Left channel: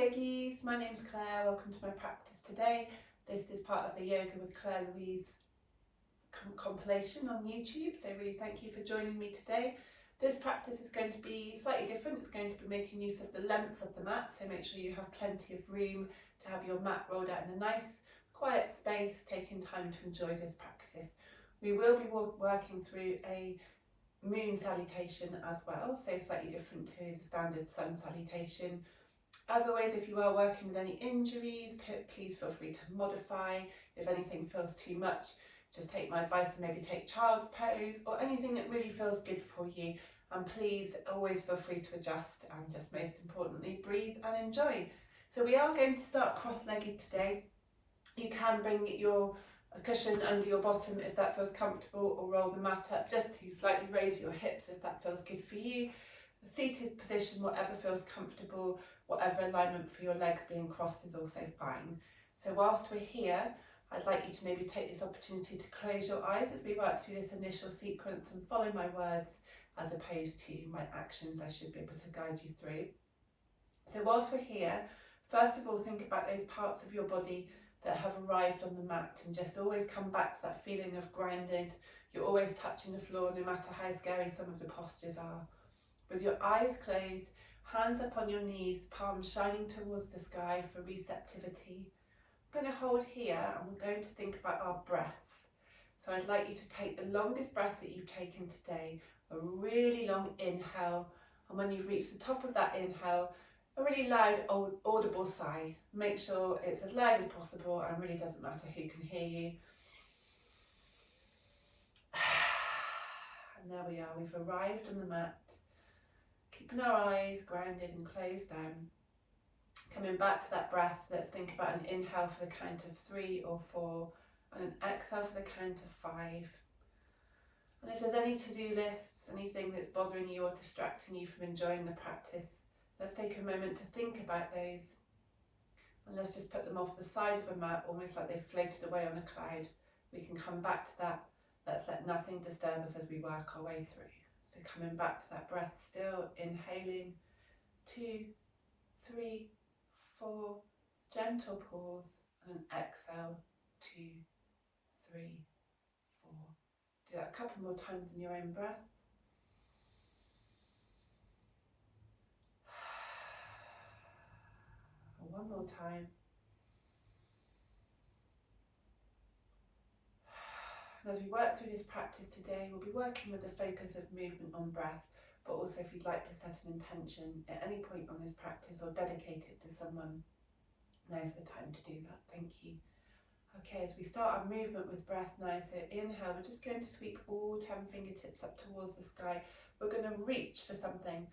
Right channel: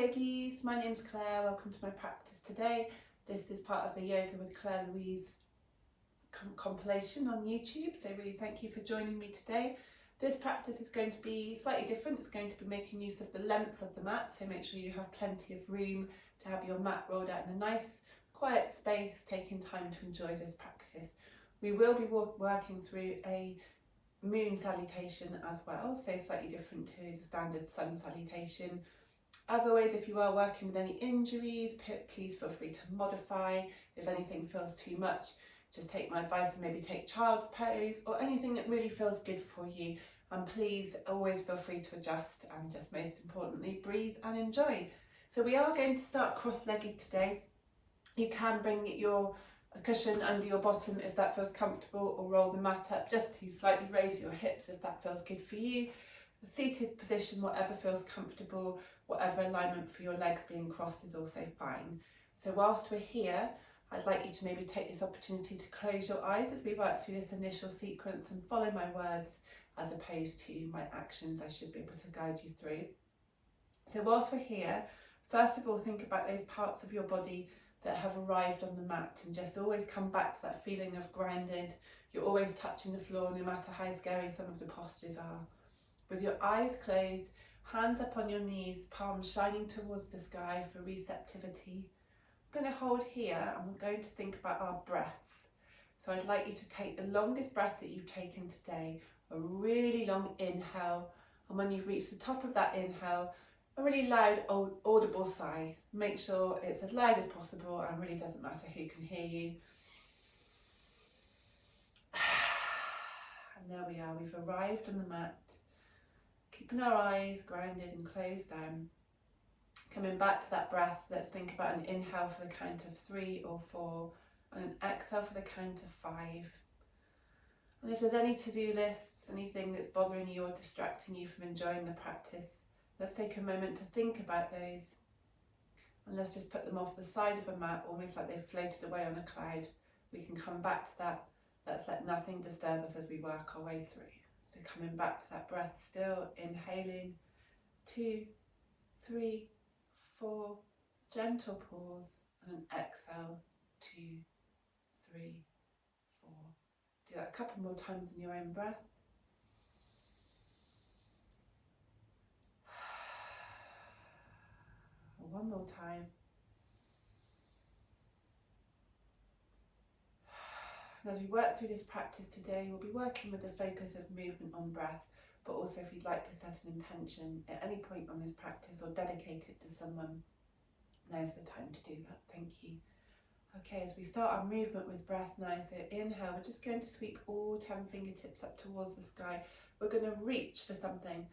yogis, my name's Claire, welcome to my practice today. This is part of the Yoga with Claire Louise compilation on YouTube, so really thank you for joining me today. This practice is going to be slightly different. It's going to be making use of the length of the mat, so make sure you have plenty of room to have your mat rolled out in a nice quiet space, taking time to enjoy this practice. We will be working through a moon salutation as well, so slightly different to the standard sun salutation. As always, if you are working with any injuries, please feel free to modify. If anything feels too much, just take my advice and maybe take child's pose or anything that really feels good for you. And please always feel free to adjust and just most importantly, breathe and enjoy. So we are going to start cross-legged today. You can bring your cushion under your bottom if that feels comfortable, or roll the mat up just to slightly raise your hips if that feels good for you. A seated position, whatever feels comfortable, whatever alignment for your legs being crossed is also fine. So whilst we're here, I'd like you to maybe take this opportunity to close your eyes as we work through this initial sequence and follow my words as opposed to my actions. I should be able to guide you through. So whilst we're here, first of all, think about those parts of your body that have arrived on the mat, and just always come back to that feeling of grounded. You're always touching the floor no matter how scary some of the postures are. With your eyes closed, hands up on your knees, palms shining towards the sky for receptivity. I'm going to hold here and we're going to think about our breath. So I'd like you to take the longest breath that you've taken today, a really long inhale, and when you've reached the top of that inhale, a really loud audible sigh. Make sure it's as loud as possible and really doesn't matter who can hear you. And there we are, we've arrived on the mat. Keeping our eyes grounded and closed down. Coming back to that breath, let's think about an inhale for the count of 3 or 4 and an exhale for the count of 5. And if there's any to-do lists, anything that's bothering you or distracting you from enjoying the practice, let's take a moment to think about those, and let's just put them off the side of a mat, almost like they've floated away on a cloud. We can come back to that. Let's let nothing disturb us as we work our way through. So coming back to that breath, still inhaling, 2, 3, 4, gentle pause, and an exhale, 2, 3, 4. Do that a couple more times in your own breath. One more time. And as we work through this practice today, we'll be working with the focus of movement on breath, but also if you'd like to set an intention at any point on this practice or dedicate it to someone, now's the time to do that. Thank you. Okay, as we start our movement with breath now, so inhale, we're just going to sweep all 10 fingertips up towards the sky. We're going to reach for something.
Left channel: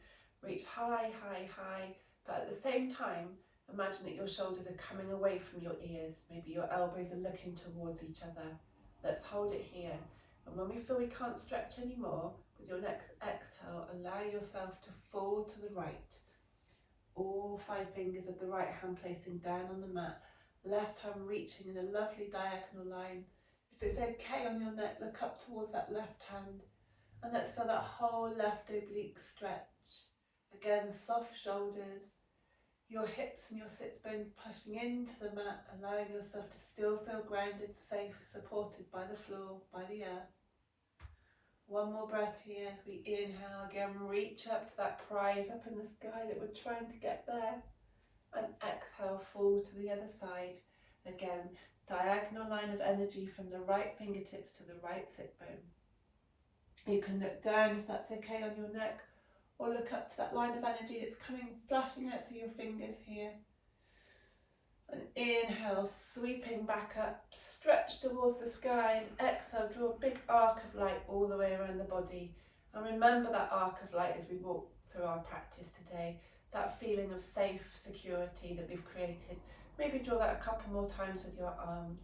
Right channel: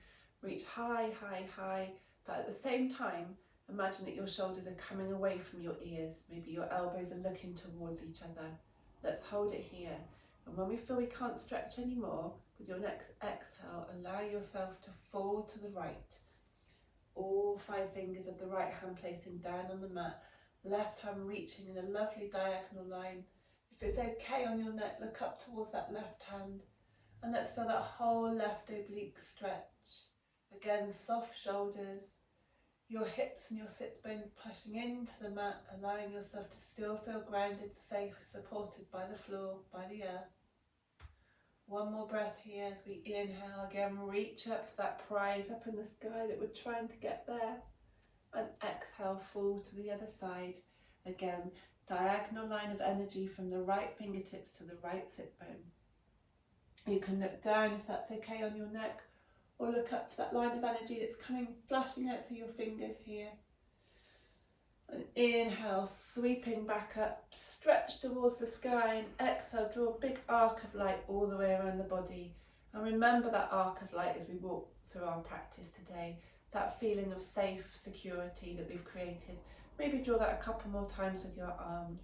Reach high, high, high, but at the same time, imagine that your shoulders are coming away from your ears. Maybe your elbows are looking towards each other. Let's hold it here. And when we feel we can't stretch anymore, with your next exhale, allow yourself to fall to the right. All 5 fingers of the right hand placing down on the mat. Left hand reaching in a lovely diagonal line. If it's okay on your neck, look up towards that left hand. And let's feel that whole left oblique stretch. Again, soft shoulders. Your hips and your sits bone pushing into the mat, allowing yourself to still feel grounded, safe, supported by the floor, by the earth. One more breath here as we inhale, again reach up to that prize up in the sky that we're trying to get there. And exhale, fall to the other side. Again, diagonal line of energy from the right fingertips to the right sit bone. You can look down if that's okay on your neck, or look up to that line of energy that's coming, flashing out through your fingers here. And inhale, sweeping back up, stretch towards the sky, and exhale, draw a big arc of light all the way around the body. And remember that arc of light as we walk through our practice today, that feeling of safe security that we've created. Maybe draw that a couple more times with your arms.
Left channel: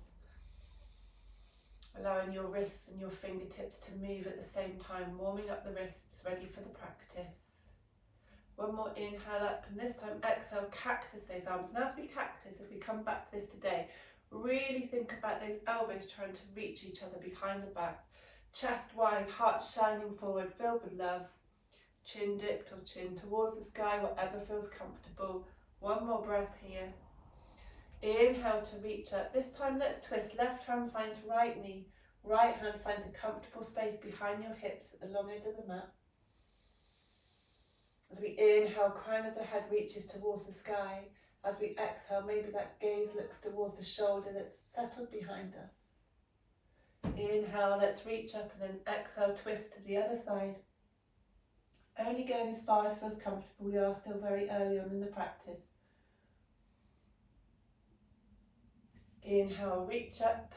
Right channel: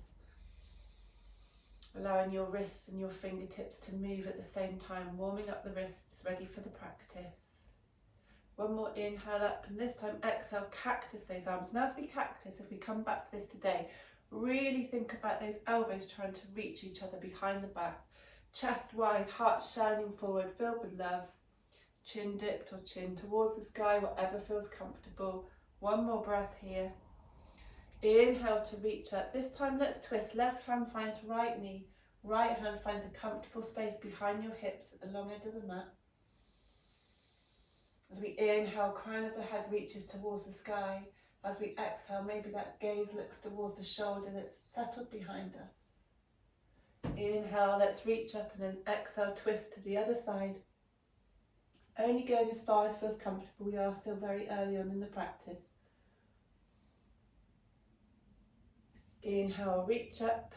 Allowing your wrists and your fingertips to move at the same time, warming up the wrists, ready for the practice. One more inhale up, and this time exhale, cactus those arms. And as we cactus, if we come back to this today, really think about those elbows trying to reach each other behind the back. Chest wide, heart shining forward, filled with love. Chin dipped or chin towards the sky, whatever feels comfortable. One more breath here. Inhale to reach up. This time let's twist. Left hand finds right knee. Right hand finds a comfortable space behind your hips at the long edge of the mat. As we inhale, crown of the head reaches towards the sky. As we exhale, maybe that gaze looks towards the shoulder that's settled behind us. Inhale, let's reach up, and then exhale, twist to the other side. Only going as far as feels comfortable. We are still very early on in the practice. Inhale, reach up.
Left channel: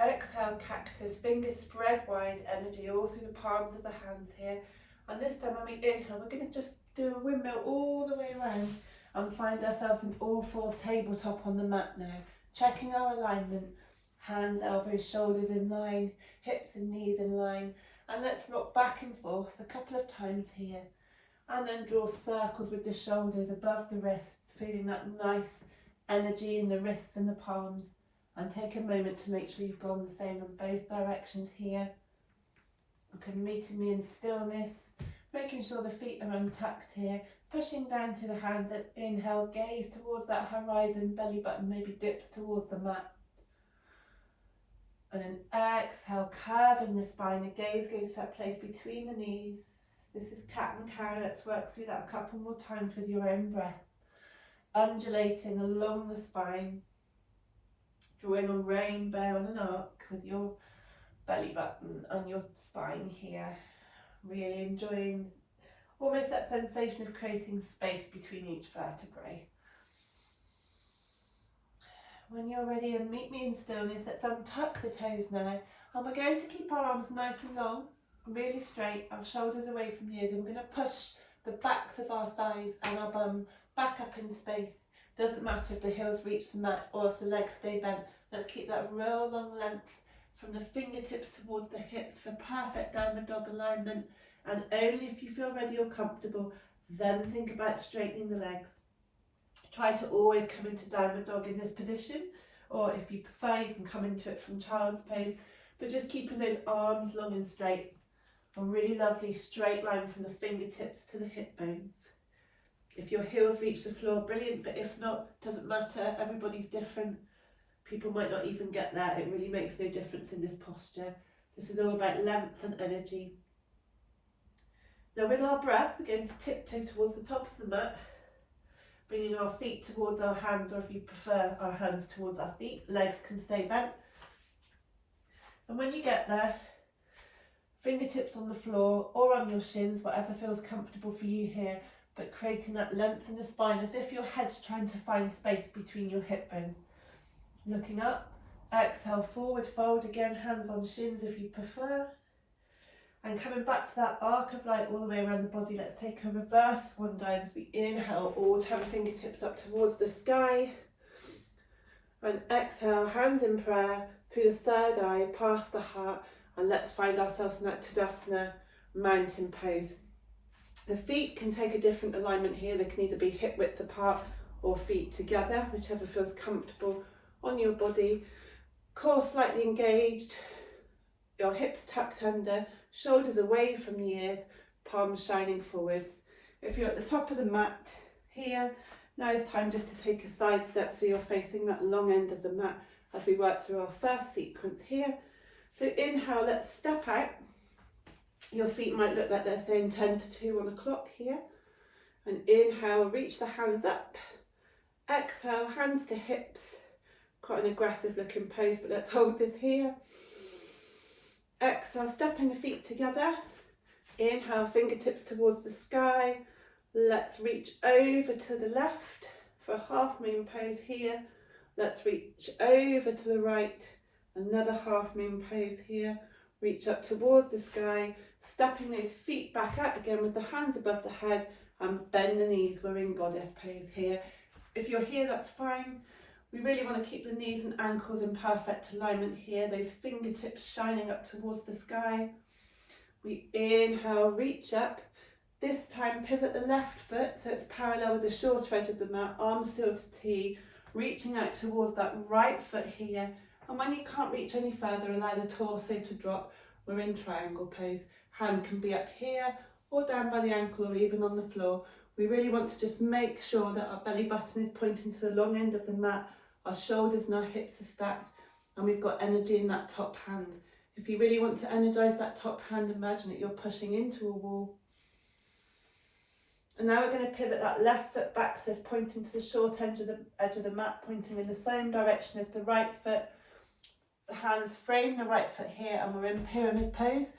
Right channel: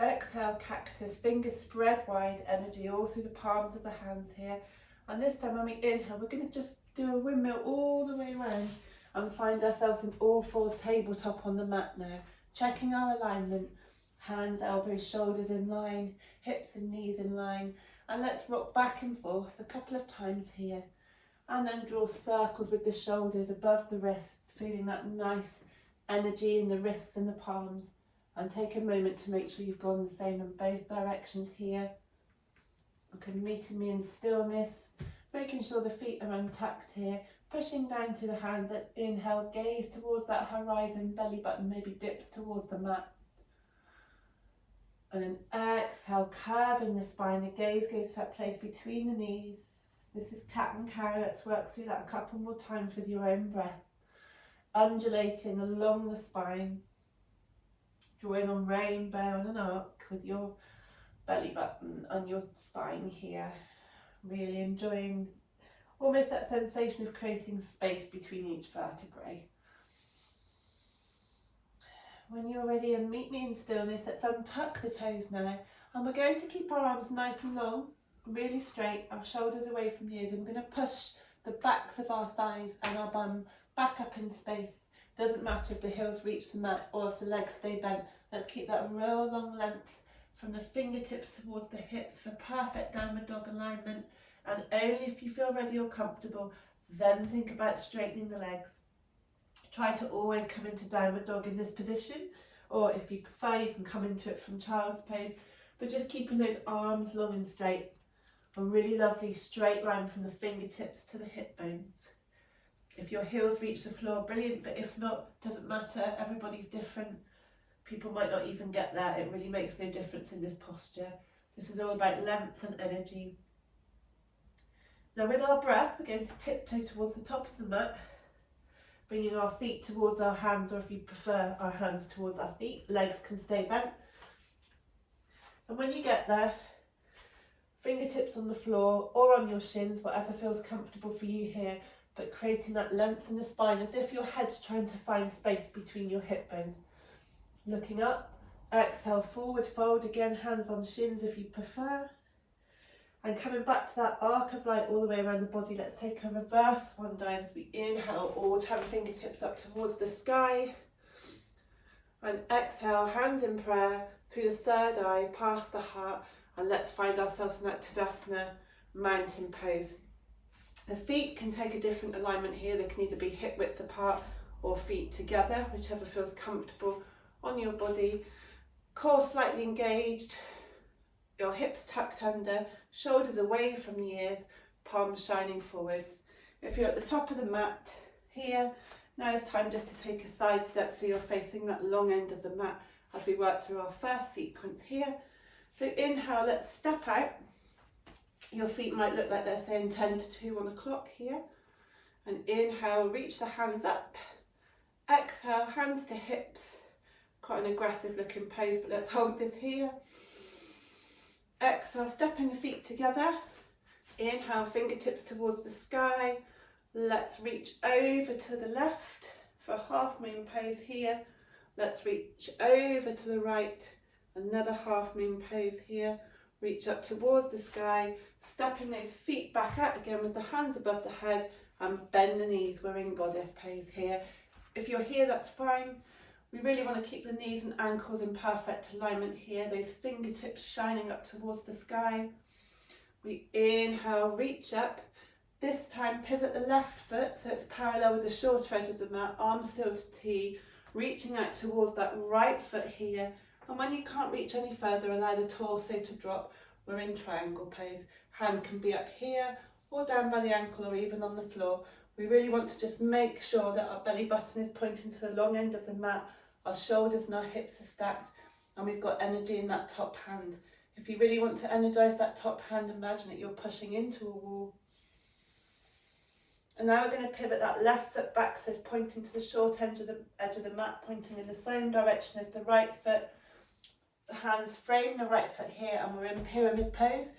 Exhale, cactus. Fingers spread wide, energy all through the palms of the hands here. And this time when we inhale, we're going to just do a windmill all the way around and find ourselves in all fours, tabletop on the mat now. Checking our alignment. Hands, elbows, shoulders in line, hips and knees in line. And let's rock back and forth a couple of times here. And then draw circles with the shoulders above the wrists, feeling that nice energy in the wrists and the palms. And take a moment to make sure you've gone the same in both directions here. You can meet me in stillness, making sure the feet are untucked here, pushing down through the hands. Let's inhale, gaze towards that horizon, belly button maybe dips towards the mat. And then exhale, curving the spine, the gaze goes to that place between the knees. This is cat and cow. Let's work through that a couple more times with your own breath. Undulating along the spine, drawing a rainbow and an arc with your belly button and your spine here. Really enjoying almost that sensation of creating space between each vertebrae. When you're ready, and meet me in stillness, let's untuck the toes now. And we're going to keep our arms nice and long, really straight, our shoulders away from the ears. I'm going to push the backs of our thighs and our bum back up in space. Doesn't matter if the heels reach the mat or if the legs stay bent. Let's keep that real long length from the fingertips towards the hips for perfect downward dog alignment. And only if you feel ready or comfortable, then think about straightening the legs. Try to always come into downward dog in this position, or if you prefer, you can come into it from child's pose, but just keeping those arms long and straight. A really lovely straight line from the fingertips to the hip bones. If your heels reach the floor, brilliant, but if not, doesn't matter, everybody's different. People might not even get there. It really makes no difference in this posture. This is all about length and energy. Now with our breath, we're going to tiptoe towards the top of the mat, bringing our feet towards our hands, or if you prefer, our hands towards our feet. Legs can stay bent. And when you get there, fingertips on the floor or on your shins, whatever feels comfortable for you here, but creating that length in the spine as if your head's trying to find space between your hip bones. Looking up, exhale, forward fold, again, hands on shins if you prefer. And coming back to that arc of light all the way around the body, let's take a reverse one down as we inhale, all 10 fingertips up towards the sky. And exhale, hands in prayer, through the third eye, past the heart, and let's find ourselves in that Tadasana mountain pose. The feet can take a different alignment here. They can either be hip width apart or feet together, whichever feels comfortable on your body. Core slightly engaged, your hips tucked under, shoulders away from the ears, palms shining forwards. If you're at the top of the mat here, now it's time just to take a side step so you're facing that long end of the mat as we work through our first sequence here. So inhale, let's step out. Your feet might look like they're saying 10 to 2 on the clock here. And inhale, reach the hands up. Exhale, hands to hips. Quite an aggressive looking pose, but let's hold this here. Exhale, stepping the feet together. Inhale, fingertips towards the sky. Let's reach over to the left for a half moon pose here. Let's reach over to the right. Another half moon pose here. Reach up towards the sky, stepping those feet back out again with the hands above the head, and bend the knees. We're in goddess pose here. If you're here, that's fine. We really want to keep the knees and ankles in perfect alignment here, those fingertips shining up towards the sky. We inhale, reach up. This time pivot the left foot so it's parallel with the short edge of the mat, arms still to T, reaching out towards that right foot here. And when you can't reach any further, allow the torso to drop. We're in triangle pose. Hand can be up here or down by the ankle or even on the floor. We really want to just make sure that our belly button is pointing to the long end of the mat, our shoulders and our hips are stacked, and we've got energy in that top hand. If you really want to energize that top hand, imagine that you're pushing into a wall. And now we're going to pivot that left foot back, so it's pointing to the short edge of the mat, pointing in the same direction as the right foot. The hands frame the right foot here, and we're in pyramid pose.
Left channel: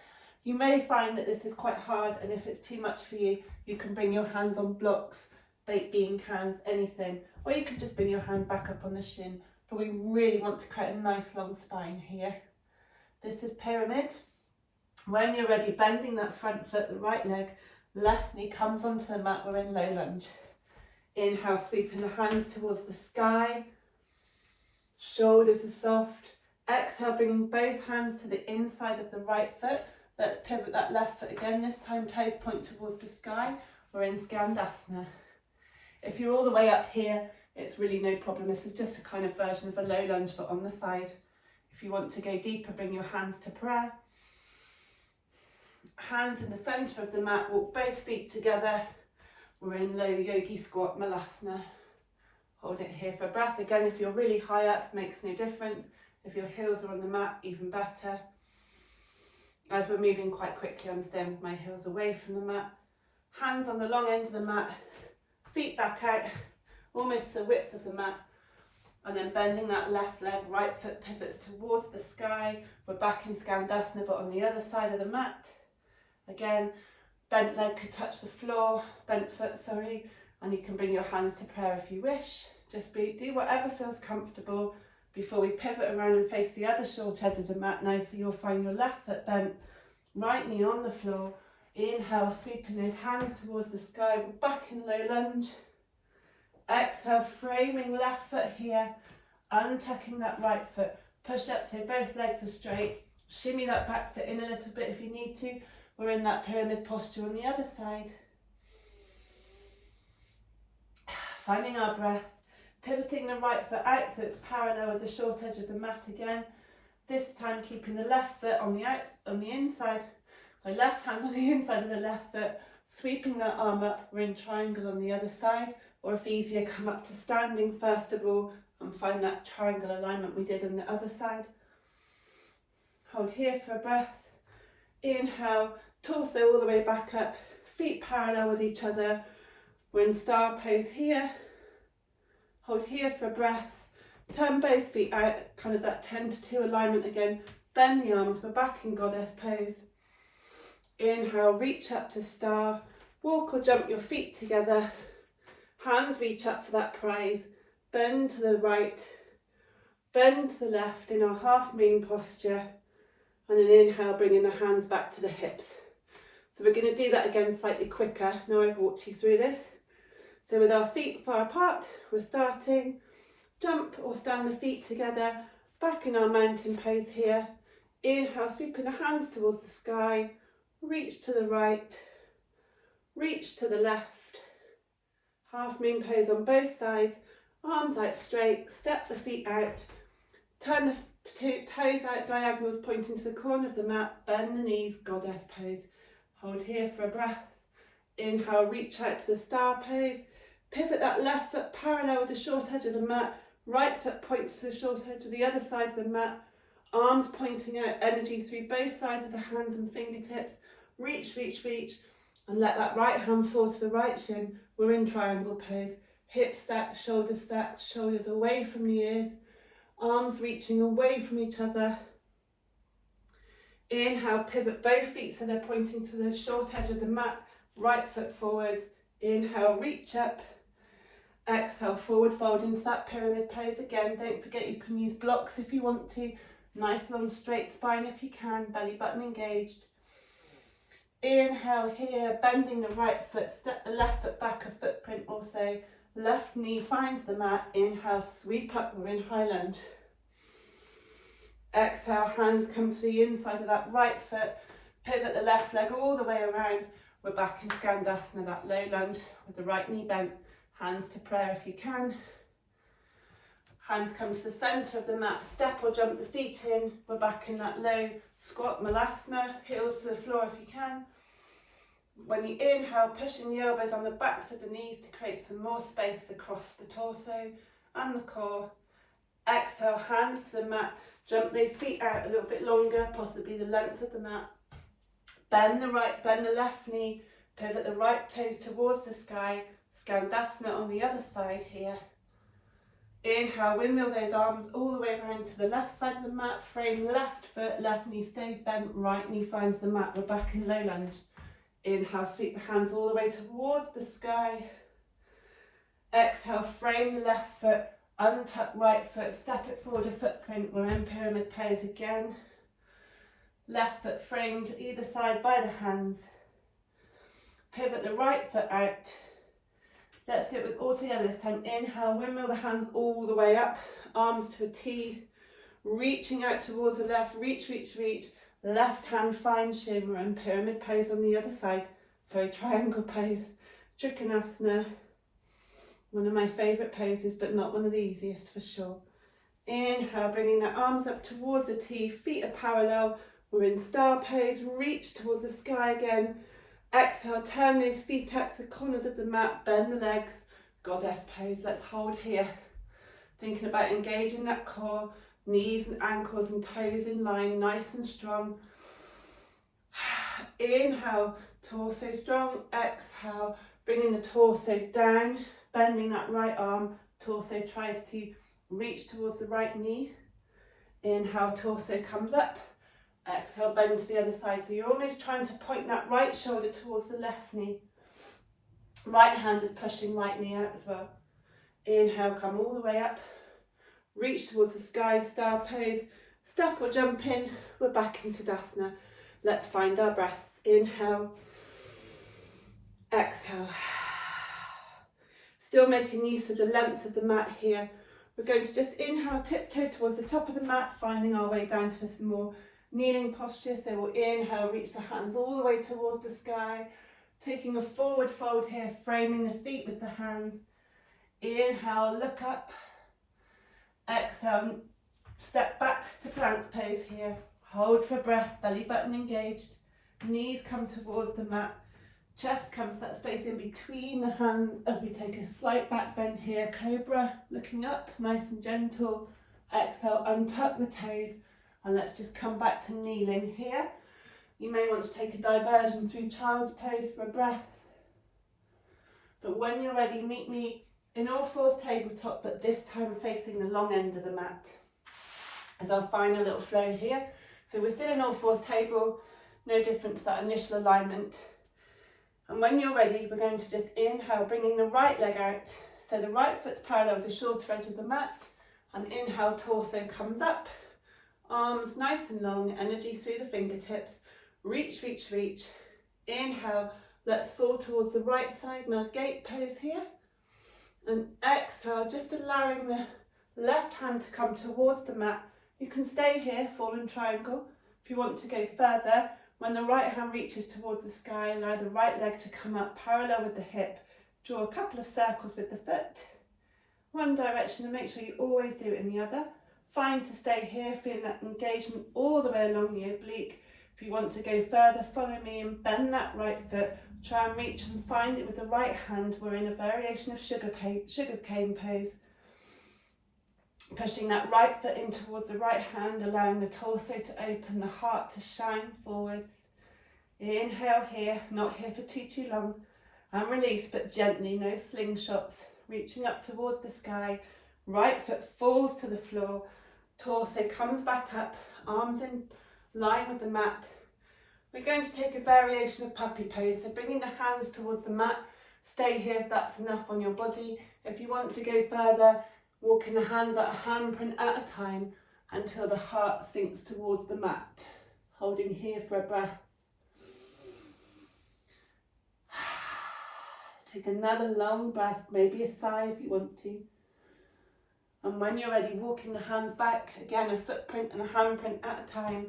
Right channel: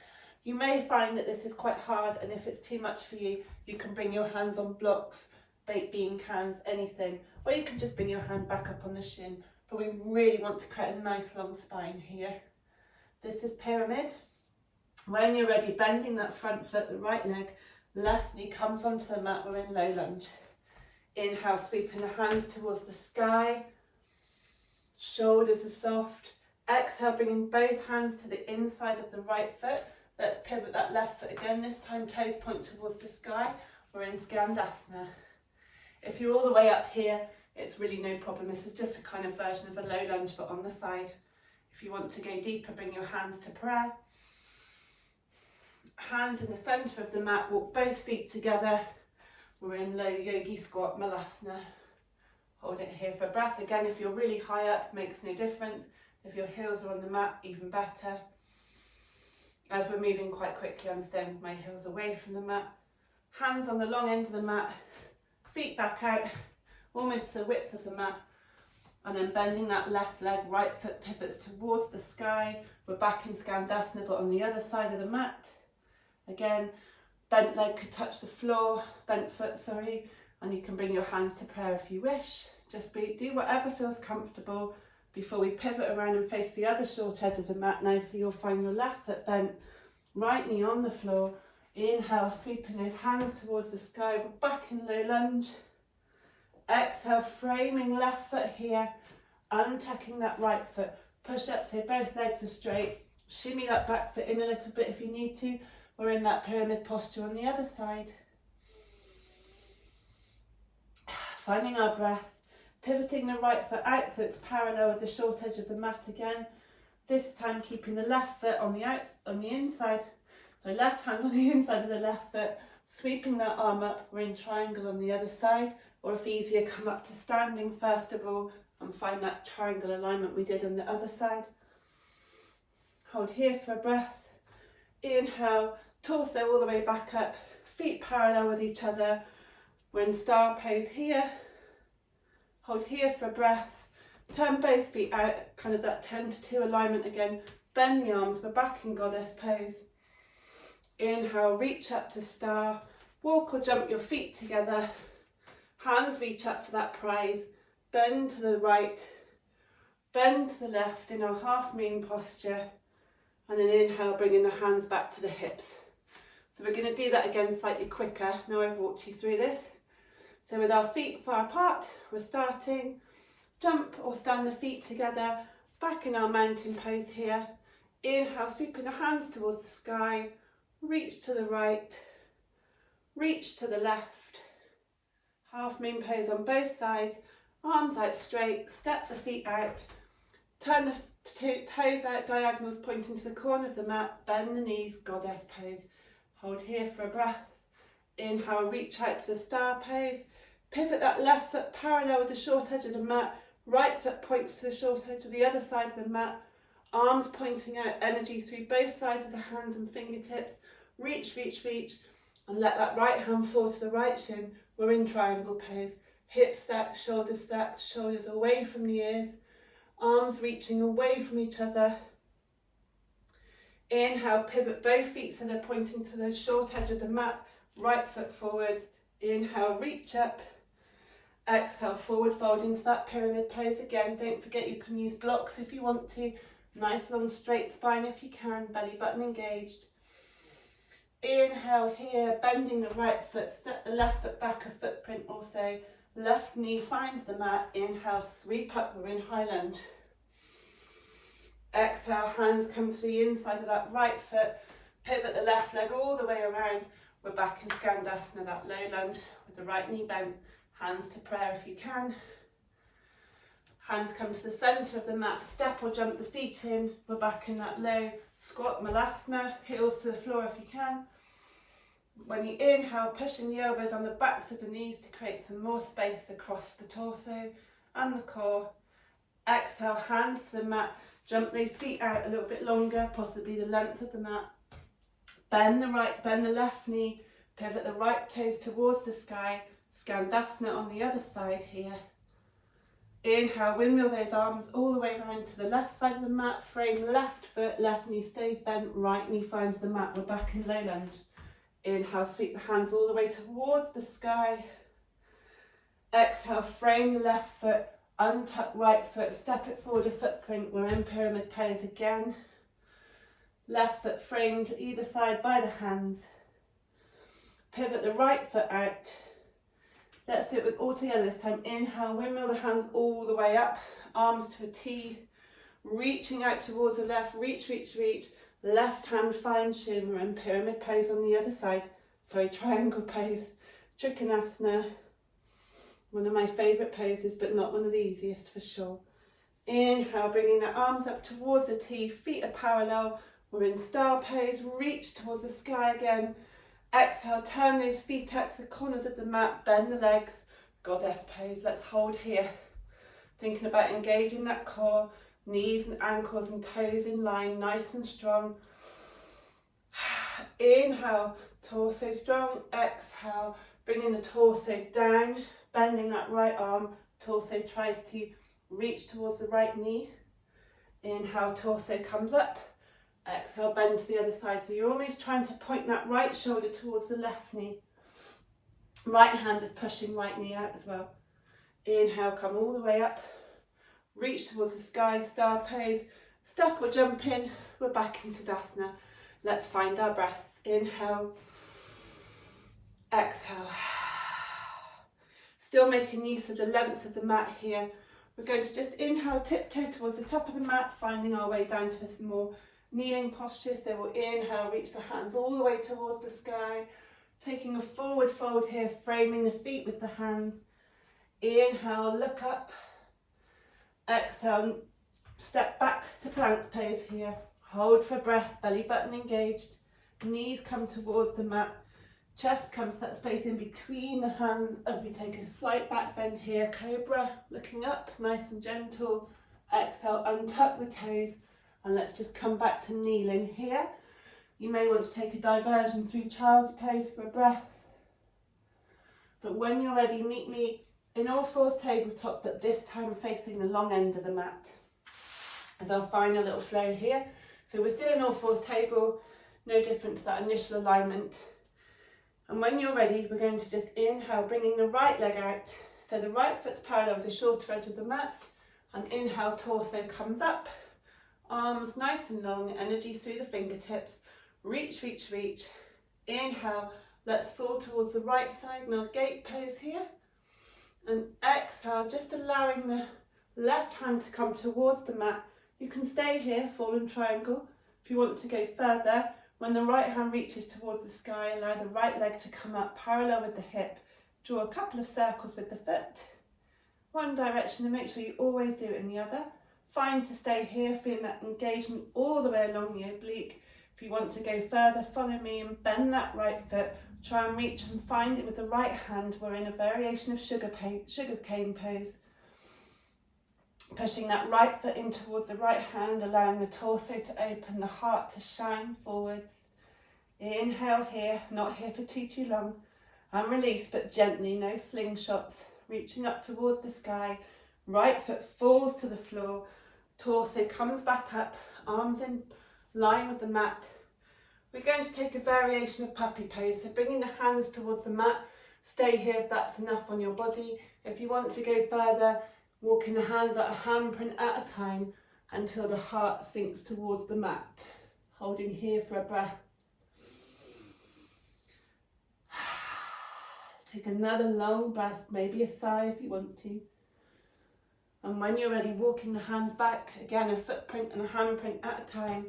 You may find that this is quite hard, and if it's too much for you, you can bring your hands on blocks, baked bean cans, anything, or you can just bring your hand back up on the shin. But we really want to create a nice long spine here. This is pyramid. When you're ready, bending that front foot, the right leg, left knee comes onto the mat, we're in low lunge. Inhale, sweeping the hands towards the sky. Shoulders are soft. Exhale, bringing both hands to the inside of the right foot. Let's pivot that left foot again. This time toes point towards the sky. We're in Dandasana. If you're all the way up here, it's really no problem. This is just a kind of version of a low lunge, but on the side. If you want to go deeper, bring your hands to prayer. Hands in the centre of the mat, walk both feet together. We're in low yogi squat, malasana. Hold it here for breath. Again, if you're really high up, makes no difference. If your heels are on the mat, even better. As we're moving quite quickly, I'm staying with my heels away from the mat. Hands on the long end of the mat, feet back out, almost the width of the mat. And then bending that left leg, right foot pivots towards the sky. We're back in Dandasana, but on the other side of the mat. Again, bent leg could touch the floor, bent foot, sorry. And you can bring your hands to prayer if you wish. Just do whatever feels comfortable before we pivot around and face the other short edge of the mat now, so you'll find your left foot bent, right knee on the floor. Inhale, sweeping those hands towards the sky. We're back in low lunge. Exhale, framing left foot here, untucking that right foot. Push up so both legs are straight. Shimmy that back foot in a little bit if you need to. We're in that pyramid posture on the other side. Finding our breath. Pivoting the right foot out so it's parallel with the short edge of the mat again. This time keeping the left foot on the inside. So left hand on the inside of the left foot. Sweeping that arm up. We're in triangle on the other side. Or if easier, come up to standing first of all and find that triangle alignment we did on the other side. Hold here for a breath. Inhale, torso all the way back up. Feet parallel with each other. We're in star pose here. Hold here for a breath. Turn both feet out, kind of that 10 to 2 alignment again. Bend the arms, we're back in goddess pose. Inhale, reach up to star. Walk or jump your feet together. Hands reach up for that prize. Bend to the right, bend to the left in our half moon posture. And then inhale, bringing the hands back to the hips. So we're going to do that again slightly quicker. Now I've walked you through this. So with our feet far apart, we're starting. Jump or stand the feet together, back in our mountain pose here. Inhale, sweeping the hands towards the sky. Reach to the right, reach to the left. Half moon pose on both sides. Arms out straight, step the feet out. Turn the toes out diagonals pointing to the corner of the mat. Bend the knees, goddess pose. Hold here for a breath. Inhale, reach out to the star pose. Pivot that left foot parallel with the short edge of the mat. Right foot points to the short edge of the other side of the mat. Arms pointing out, energy through both sides of the hands and fingertips. Reach, reach, reach. And let that right hand fall to the right shin. We're in triangle pose. Hips stacked, shoulders away from the ears. Arms reaching away from each other. Inhale, pivot both feet so they're pointing to the short edge of the mat. Right foot forwards. Inhale, reach up. Exhale, forward fold into that pyramid pose again. Don't forget you can use blocks if you want to. Nice long straight spine if you can. Belly button engaged. Inhale here, bending the right foot. Step the left foot back a footprint also. Left knee finds the mat. Inhale, sweep up. We're in high lunge. Exhale, hands come to the inside of that right foot. Pivot the left leg all the way around. We're back in Dandasana, that low lunge with the right knee bent. Hands to prayer if you can. Hands come to the centre of the mat. Step or jump the feet in. We're back in that low squat malasana. Heels to the floor if you can. When you inhale, pushing the elbows on the backs of the knees to create some more space across the torso and the core. Exhale, hands to the mat. Jump those feet out a little bit longer, possibly the length of the mat. Bend the left knee, pivot the right toes towards the sky. Dandasana on the other side here. Inhale, windmill those arms all the way around to the left side of the mat. Frame left foot, left knee stays bent, right knee finds the mat. We're back in low lunge. Inhale, sweep the hands all the way towards the sky. Exhale, frame the left foot, untuck right foot, step it forward a footprint. We're in pyramid pose again. Left foot framed either side by the hands. Pivot the right foot out. Let's do it with all together this time. Inhale, windmill the hands all the way up, arms to a T, reaching out towards the left, reach, reach, reach. Left hand finds shin. We're in pyramid pose on the other side. Sorry, triangle pose, Trikonasana. One of my favourite poses, but not one of the easiest for sure. Inhale, bringing the arms up towards the T, feet are parallel. We're in star pose, reach towards the sky again. Exhale, turn those feet out to the corners of the mat, bend the legs, goddess pose. Let's hold here. Thinking about engaging that core, knees and ankles and toes in line, nice and strong. Inhale, torso strong. Exhale, bringing the torso down, bending that right arm. Torso tries to reach towards the right knee. Inhale, torso comes up. Exhale, bend to the other side. So you're always trying to point that right shoulder towards the left knee. Right hand is pushing right knee out as well. Inhale, come all the way up. Reach towards the sky, star pose. Step or jump in. We're back into Tadasana. Let's find our breath. Inhale. Exhale. Still making use of the length of the mat here. We're going to just inhale, tiptoe towards the top of the mat, finding our way down to some more kneeling posture. So we'll inhale, reach the hands all the way towards the sky, taking a forward fold here, framing the feet with the hands. Inhale, look up. Exhale, step back to plank pose here. Hold for breath, belly button engaged. Knees come towards the mat. Chest comes to that space in between the hands as we take a slight back bend here. Cobra, looking up, nice and gentle. Exhale, untuck the toes. And let's just come back to kneeling here. You may want to take a diversion through child's pose for a breath. But when you're ready, meet me in all fours tabletop, but this time facing the long end of the mat. As I'll find a little flow here. So we're still in all fours table, no different to that initial alignment. And when you're ready, we're going to just inhale, bringing the right leg out. So the right foot's parallel with the shorter edge of the mat. And inhale, torso comes up. Arms nice and long, energy through the fingertips. Reach, reach, reach. Inhale, let's fall towards the right side in our gate pose here. And exhale, just allowing the left hand to come towards the mat. You can stay here, fallen triangle. If you want to go further, when the right hand reaches towards the sky, allow the right leg to come up parallel with the hip. Draw a couple of circles with the foot. One direction, and make sure you always do it in the other. Fine to stay here, feeling that engagement all the way along the oblique. If you want to go further, follow me and bend that right foot. Try and reach and find it with the right hand. We're in a variation of sugar cane pose. Pushing that right foot in towards the right hand, allowing the torso to open, the heart to shine forwards. Inhale here, not here for too long. And release, but gently, no slingshots. Reaching up towards the sky. Right foot falls to the floor. Torso comes back up, arms in line with the mat. We're going to take a variation of puppy pose, so bringing the hands towards the mat. Stay here if that's enough on your body. If you want to go further, walking the hands at a handprint at a time until the heart sinks towards the mat. Holding here for a breath. Take another long breath, maybe a sigh if you want to. And when you're ready, walking the hands back, again a footprint and a handprint at a time.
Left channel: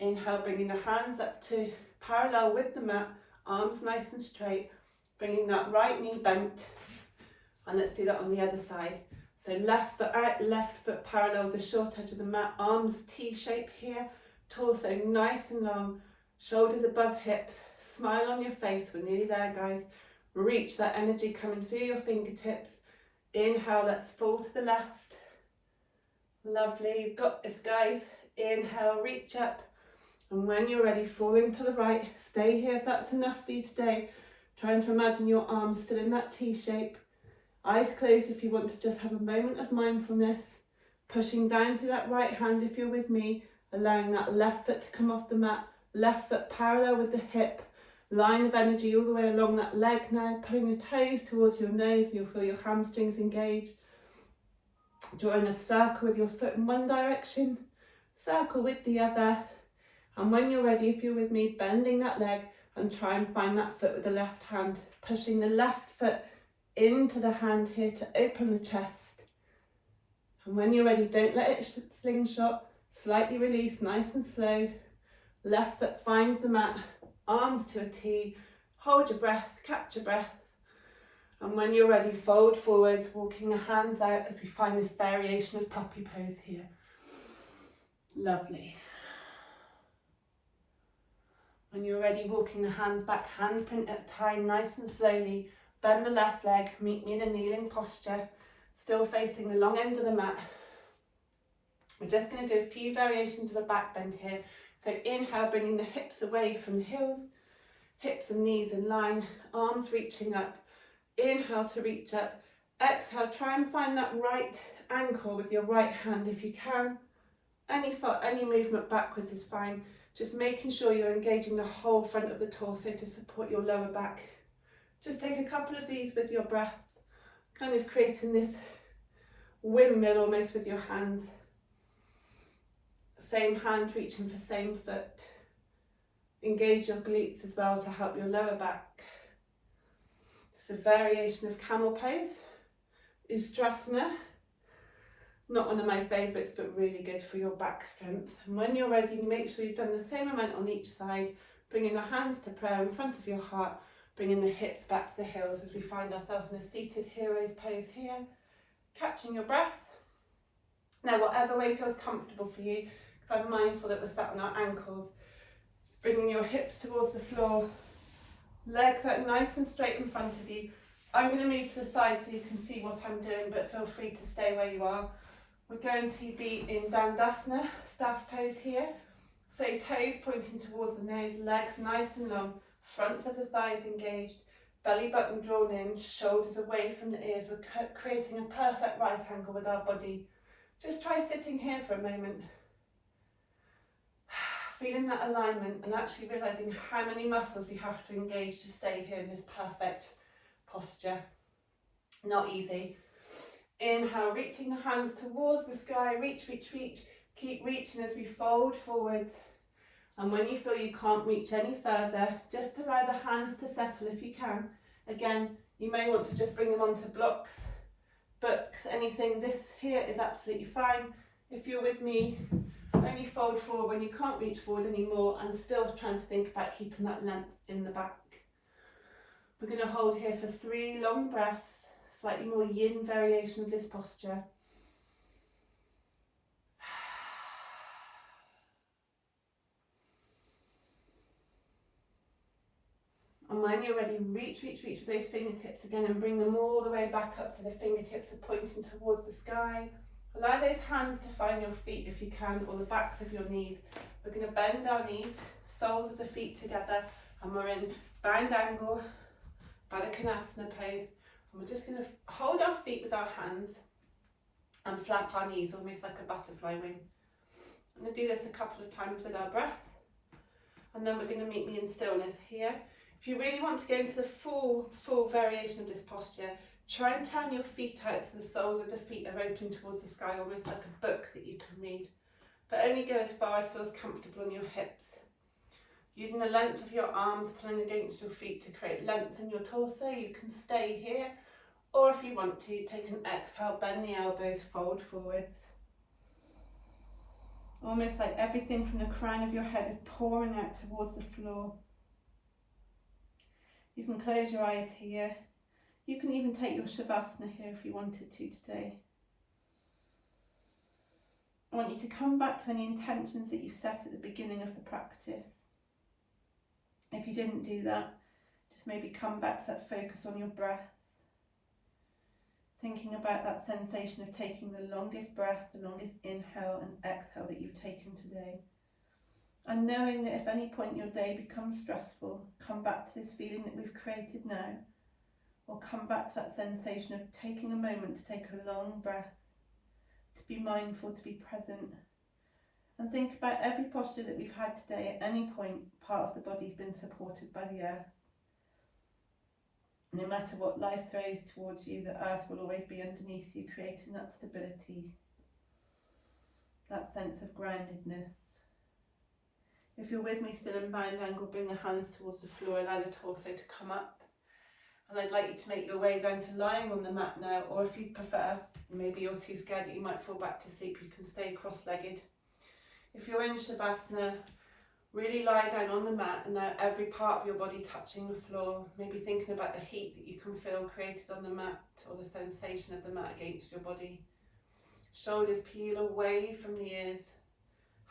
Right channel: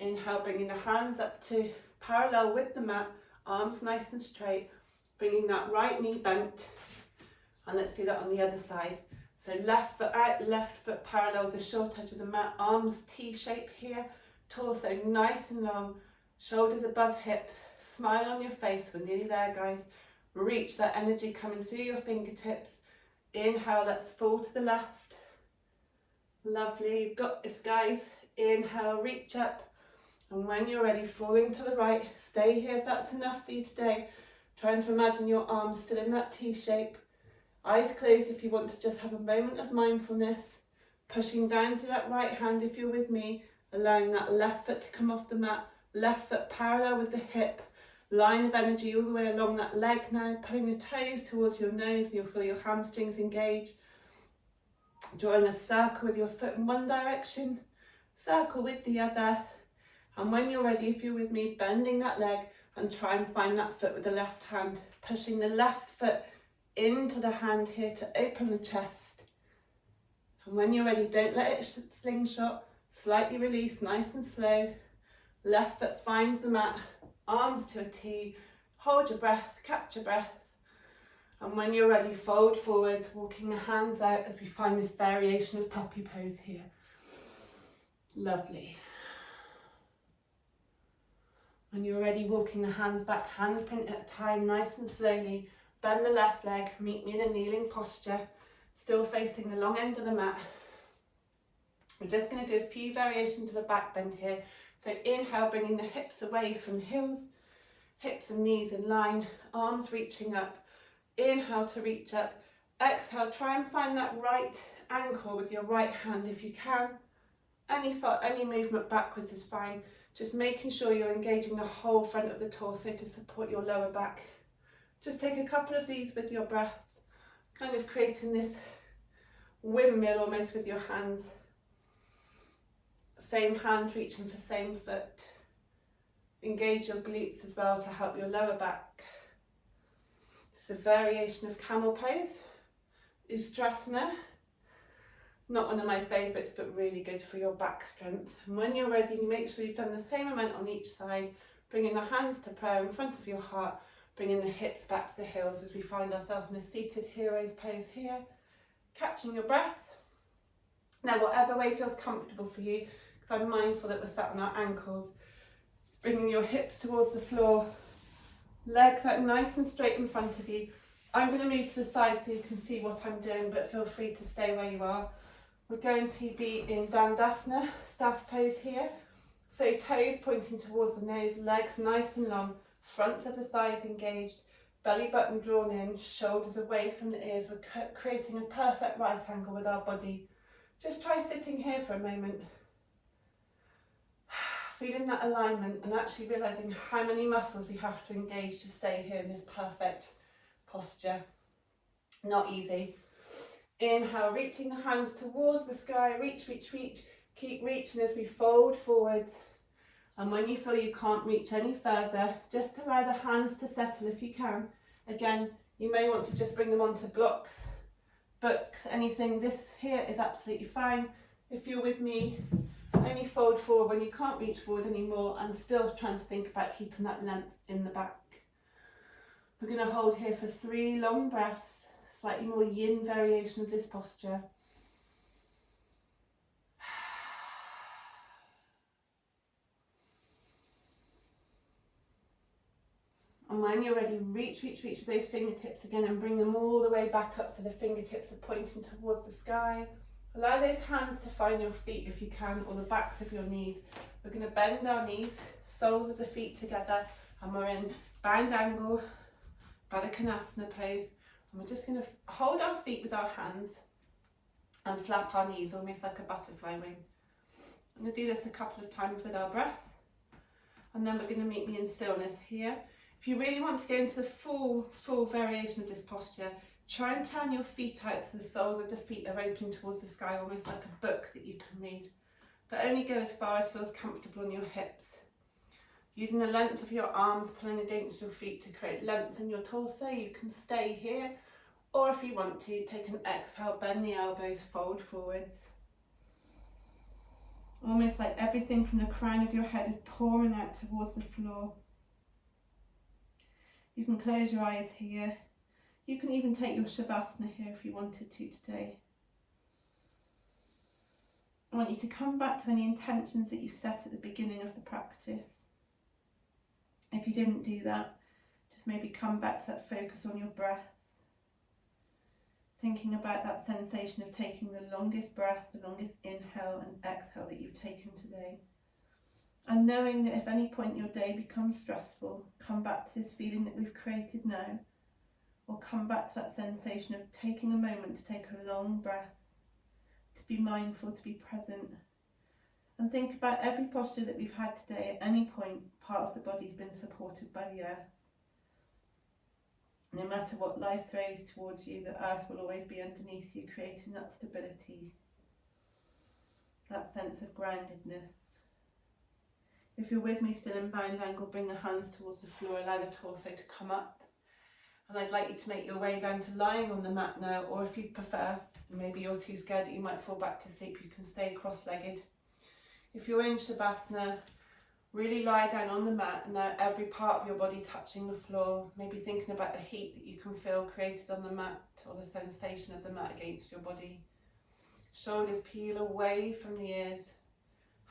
Inhale, bringing the hands up to parallel with the mat, arms nice and straight, bringing that right knee bent. And let's do that on the other side. So left foot out, left foot parallel with the short edge of the mat, arms T-shape here, torso nice and long, Shoulders above hips, smile on your face. We're nearly there, guys. Reach that energy coming through your fingertips. Inhale, let's fall to the left. Lovely, you've got this, guys. Inhale, reach up. And when you're ready, falling to the right. Stay here if that's enough for you today. Trying to imagine your arms still in that T shape. Eyes closed if you want to just have a moment of mindfulness. Pushing down through that right hand if you're with me. Allowing that left foot to come off the mat. Left foot parallel with the hip. Line of energy all the way along that leg now. Pulling your toes towards your nose. You'll feel your hamstrings engaged. Drawing a circle with your foot in one direction. Circle with the other. And when you're ready, if you're with me, bending that leg and try and find that foot with the left hand. Pushing the left foot into the hand here to open the chest. And when you're ready, don't let it slingshot. Slightly release, nice and slow. Left foot finds the mat. Arms to a T. Hold your breath, catch your breath. And when you're ready, fold forwards, walking the hands out as we find this variation of puppy pose here. Lovely. When you're ready, walking the hands back, handprint at a time, nice and slowly. Bend the left leg, meet me in a kneeling posture, still facing the long end of the mat. We're just going to do a few variations of a back bend here. So inhale, bringing the hips away from the heels, hips and knees in line, arms reaching up. Inhale to reach up. Exhale, try and find that right ankle with your right hand if you can. Any movement backwards is fine. Just making sure you're engaging the whole front of the torso to support your lower back. Just take a couple of these with your breath, kind of creating this windmill almost with your hands. Same hand reaching for same foot. Engage your glutes as well to help your lower back. It's a variation of camel pose, Ustrasana. Not one of my favourites, but really good for your back strength. And when you're ready, you make sure you've done the same amount on each side, bringing the hands to prayer in front of your heart, bringing the hips back to the heels as we find ourselves in a seated hero's pose here. Catching your breath. Now, whatever way feels comfortable for you, because I'm mindful that we're sat on our ankles. Just bringing your hips towards the floor, legs out nice and straight in front of you. I'm going to move to the side so you can see what I'm doing, but feel free to stay where you are. We're going to be in Dandasana, staff pose here. So toes pointing towards the nose, legs nice and long, fronts of the thighs engaged, belly button drawn in, shoulders away from the ears. We're creating a perfect right angle with our body. Just try sitting here for a moment. Feeling that alignment and actually realising how many muscles we have to engage to stay here in this perfect posture. Not easy. Inhale, reaching the hands towards the sky, reach, reach, reach. Keep reaching as we fold forwards. And when you feel you can't reach any further, just allow the hands to settle if you can. Again, you may want to just bring them onto blocks, books, anything. This here is absolutely fine. If you're with me, only fold forward when you can't reach forward anymore and still trying to think about keeping that length in the back. We're going to hold here for 3 long breaths. Slightly more yin variation of this posture. And when you're ready, reach, reach, reach with those fingertips again and bring them all the way back up so the fingertips are pointing towards the sky. Allow those hands to find your feet if you can, or the backs of your knees. We're going to bend our knees, soles of the feet together, and we're in bound angle, Tadasana pose. And we're just going to hold our feet with our hands and flap our knees almost like a butterfly wing. I'm going to do this a couple of times with our breath, and then we're going to meet me in stillness here. If you really want to go into the full variation of this posture, try and turn your feet out so the soles of the feet are open towards the sky, almost like a book that you can read. But only go as far as feels comfortable on your hips. Using the length of your arms pulling against your feet to create length in your torso, you can stay here. Or if you want to, take an exhale, bend the elbows, fold forwards. Almost like everything from the crown of your head is pouring out towards the floor. You can close your eyes here. You can even take your Shavasana here if you wanted to today. I want you to come back to any intentions that you set at the beginning of the practice. If you didn't do that, just maybe come back to that focus on your breath. Thinking about that sensation of taking the longest breath, the longest inhale and exhale that you've taken today. And knowing that if any point your day becomes stressful, come back to this feeling that we've created now, or come back to that sensation of taking a moment to take a long breath, to be mindful, to be present, and think about every posture that we've had today. At any point, part of the body's been supported by the earth. No matter what life throws towards you, the earth will always be underneath you, creating that stability, that sense of groundedness. If you're with me still in bound angle, bring the hands towards the floor, allow the torso to come up. And I'd like you to make your way down to lying on the mat now, or if you prefer, maybe you're too scared that you might fall back to sleep, you can stay cross-legged. If you're in Shavasana, really lie down on the mat, and now every part of your body touching the floor, maybe thinking about the heat that you can feel created on the mat, or the sensation of the mat against your body. Shoulders peel away from the ears,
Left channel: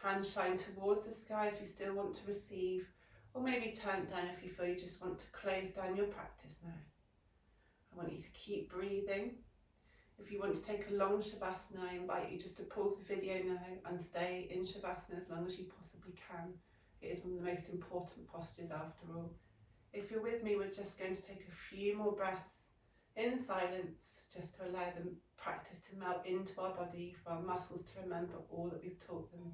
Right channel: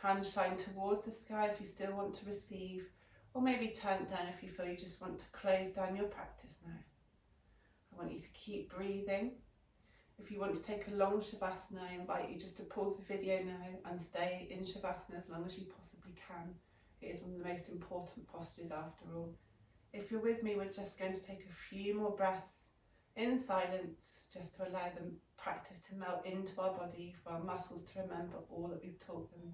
hands shine towards the sky if you still want to receive, or maybe turn down if you feel you just want to close down your practice now. I want you to keep breathing. If you want to take a long Shavasana, I invite you just to pause the video now and stay in Shavasana as long as you possibly can. It is one of the most important postures after all. If you're with me, we're just going to take a few more breaths in silence, just to allow the practice to melt into our body, for our muscles to remember all that we've taught them.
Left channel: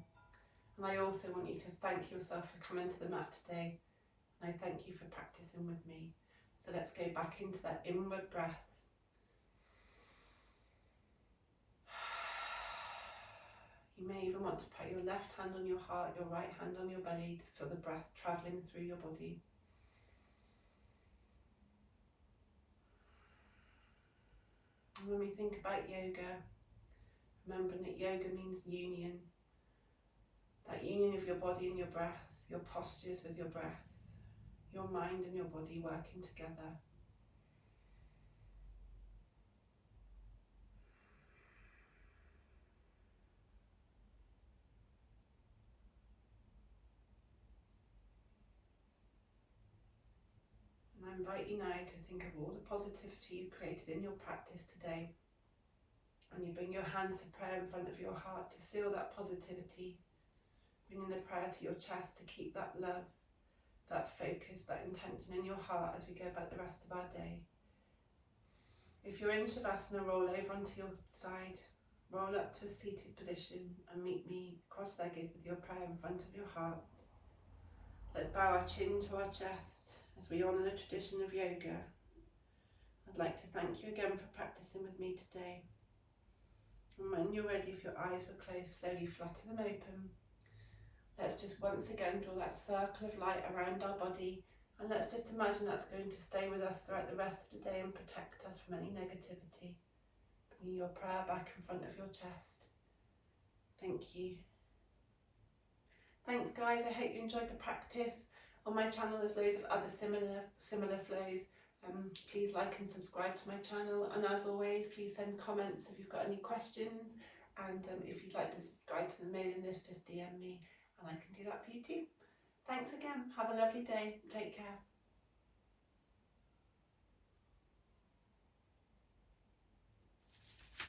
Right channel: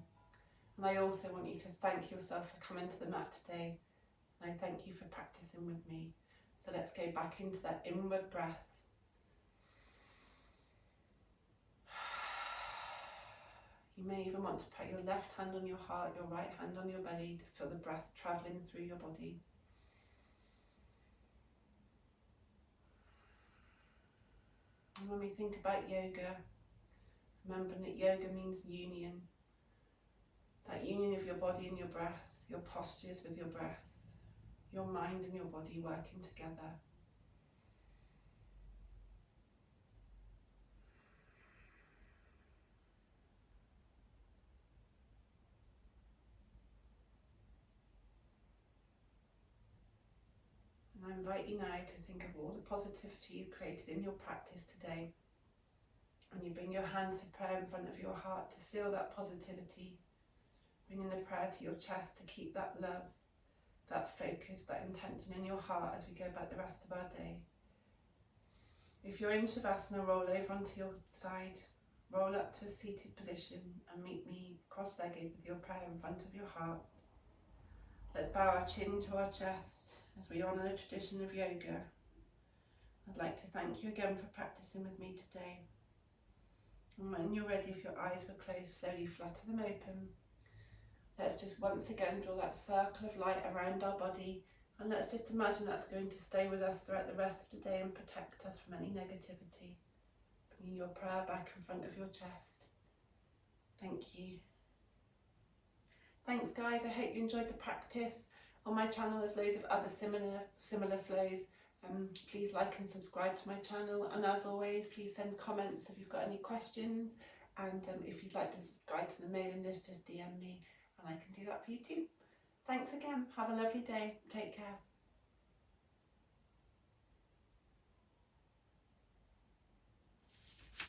And I also want you to thank yourself for coming to the mat today. And I thank you for practicing with me. So let's go back into that inward breath. You may even want to put your left hand on your heart, your right hand on your belly, to feel the breath travelling through your body. And when we think about yoga, remembering that yoga means union. That union of your body and your breath, your postures with your breath, your mind and your body working together. And I invite you now to think of all the positivity you've created in your practice today. And you bring your hands to prayer in front of your heart to seal that positivity. Bringing the prayer to your chest to keep that love, that focus, that intention in your heart as we go about the rest of our day. If you're in Shavasana, roll over onto your side, roll up to a seated position and meet me cross-legged with your prayer in front of your heart. Let's bow our chin to our chest as we honour the tradition of yoga. I'd like to thank you again for practicing with me today. And when you're ready, if your eyes were closed, slowly flutter them open. Let's just once again draw that circle of light around our body, and let's just imagine that's going to stay with us throughout the rest of the day and protect us from any negativity. Bringing your prayer back in front of your chest. Thank you. Thanks guys, I hope you enjoyed the practice. On my channel there's loads of other similar flows. Please like and subscribe to my channel, and as always please send comments if you've got any questions, and if you'd like to subscribe to the mailing list, just DM me and I can do that for you too. Thanks again, have a lovely day, take care.